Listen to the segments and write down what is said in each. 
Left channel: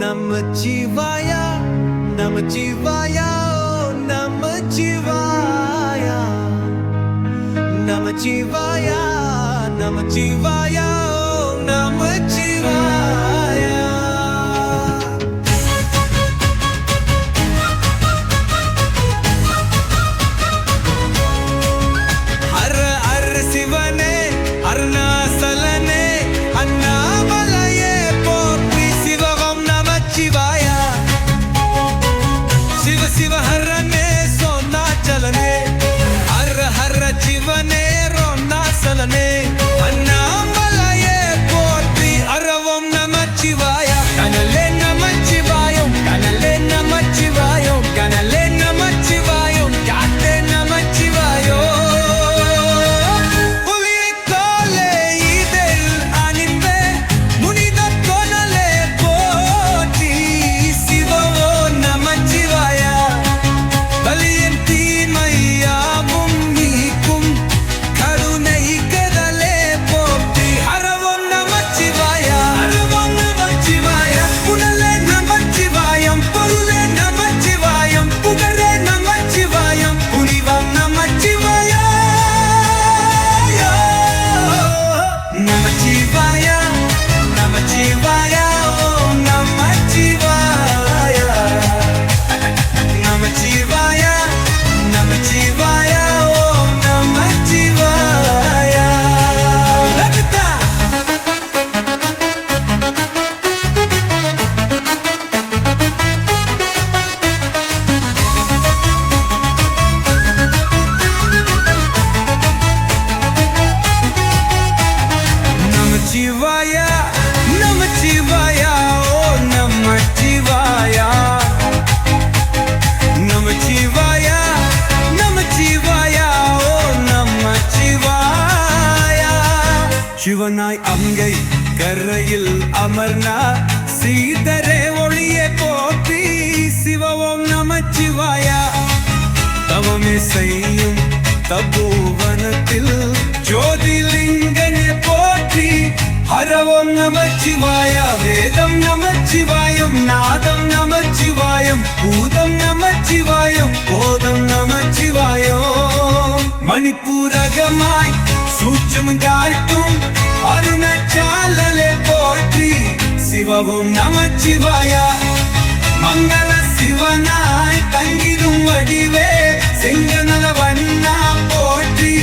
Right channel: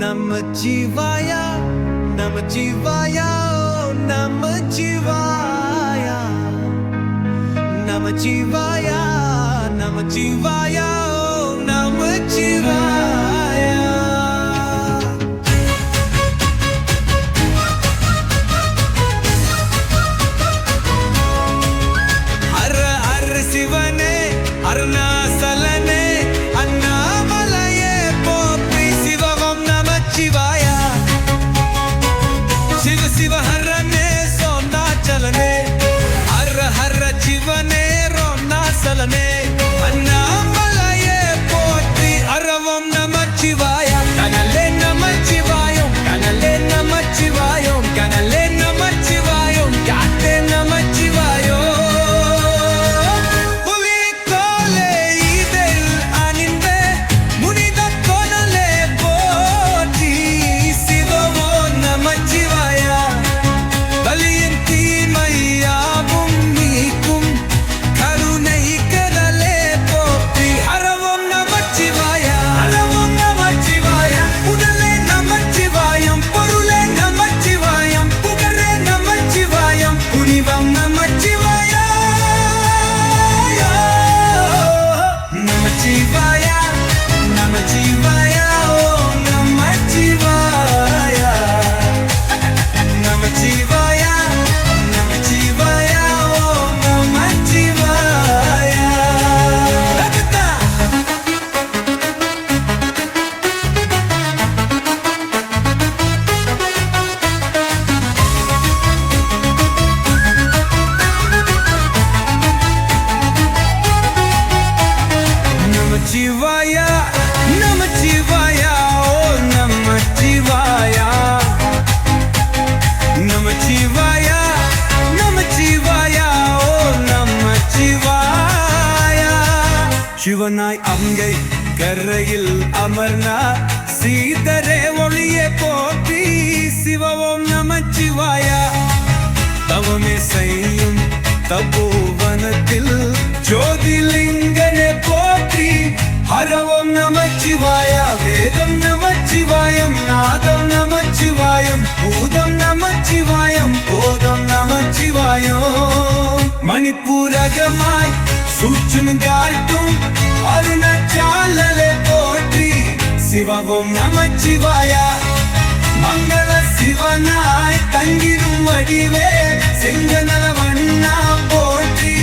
நமச்சிவாய நமச்சிவாய நமச்சிவாய நமச்சிவாய நமச்சிவாய நமச்சிவாய ஹர ஹர சிவனே அருணாசலனே அண்ணாமலையே போற்றி சிவகம் நமச்சிவாய சிவ சிவ ஹரனே சோனாச்சலனே ஹர ஹர சிவனே ரோனாசலனே அண்ணாமலையே போற்றி அரவம் நமச்சிவாய கனலே Namachivayam கனலே Namachivayam கனலே Namachivayam காட்டே நமச்சிவாயோ Namachivaya, oh Namachivaya, Namachivaya, Namachivaya, oh Namachivaya. Lagta. Namachivaya. Namachivaya, oh Namachivaya, Namachivaya, Namachivaya, oh Namachivaya. சிவனாய் அங்கை கரையில் அமர்னா சீதரே ஒளியே போற்றி சிவவோம் நமச்சிவாய தவமே செய்யும் தபோவனத்தில் ஜோதிலிங்கனே போற்றி ஹரவோம் நமச்சிவாய வேதம் நமச்சிவாயம் நாதம் நமச்சிவாயம் பூதம் நமச்சிவாயம் போதம் நமச்சிவாயம் மணிப்பூரகமாய் சூட்சுமம் காட்டும் அருணச்சாலலை போற்றி சிவவோம் நமச்சிவாய மங்கள சிவனாய் தங்கிடும் வடிவே செங்கனல வண்ணா போற்றி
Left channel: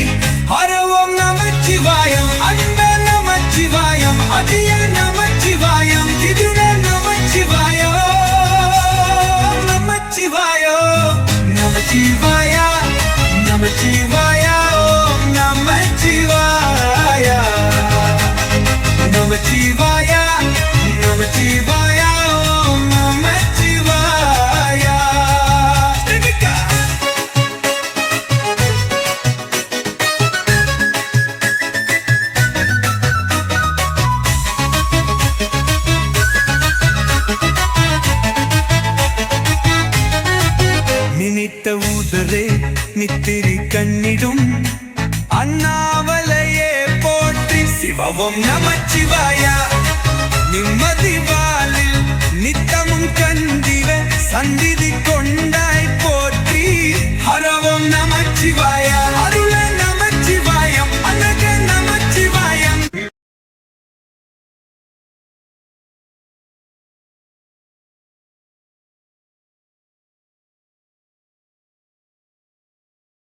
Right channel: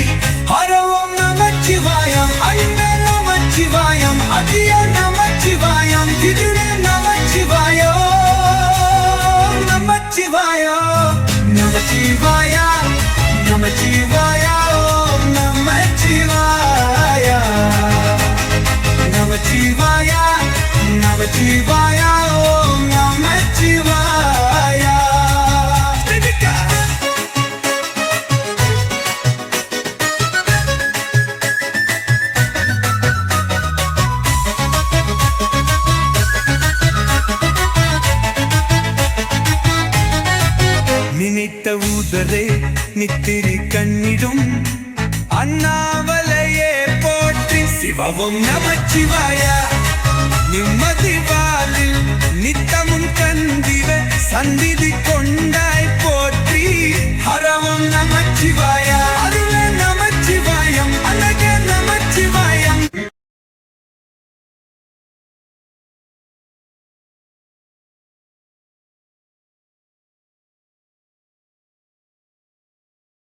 ஹரவோம் நமச்சிவாயம் அன்பே நமச்சிவாயம் அதிய நமச்சிவாயம் திதுரே நமச்சிவாயம் நமச்சிவாயம் நமச்சிவாயம் நமச்சிவாயம் நமச்சிவாயம் நமச்சிவாயம் நமச்சிவாயம் நமச்சிவாயம் ஸ்ரீவிகா நினைத்த ஊதரே நித்திரி கண்ணிடும் அண்ணாமலையே போற்றி சிவவும் நமச்சிவாய நிம்மதி வாலில் நித்தமும் கந்திவ சந்திதி கொண்டாய் போற்றி ஹரவும் நமச்சிவாய அருள நமச்சிவாயம் அழக நம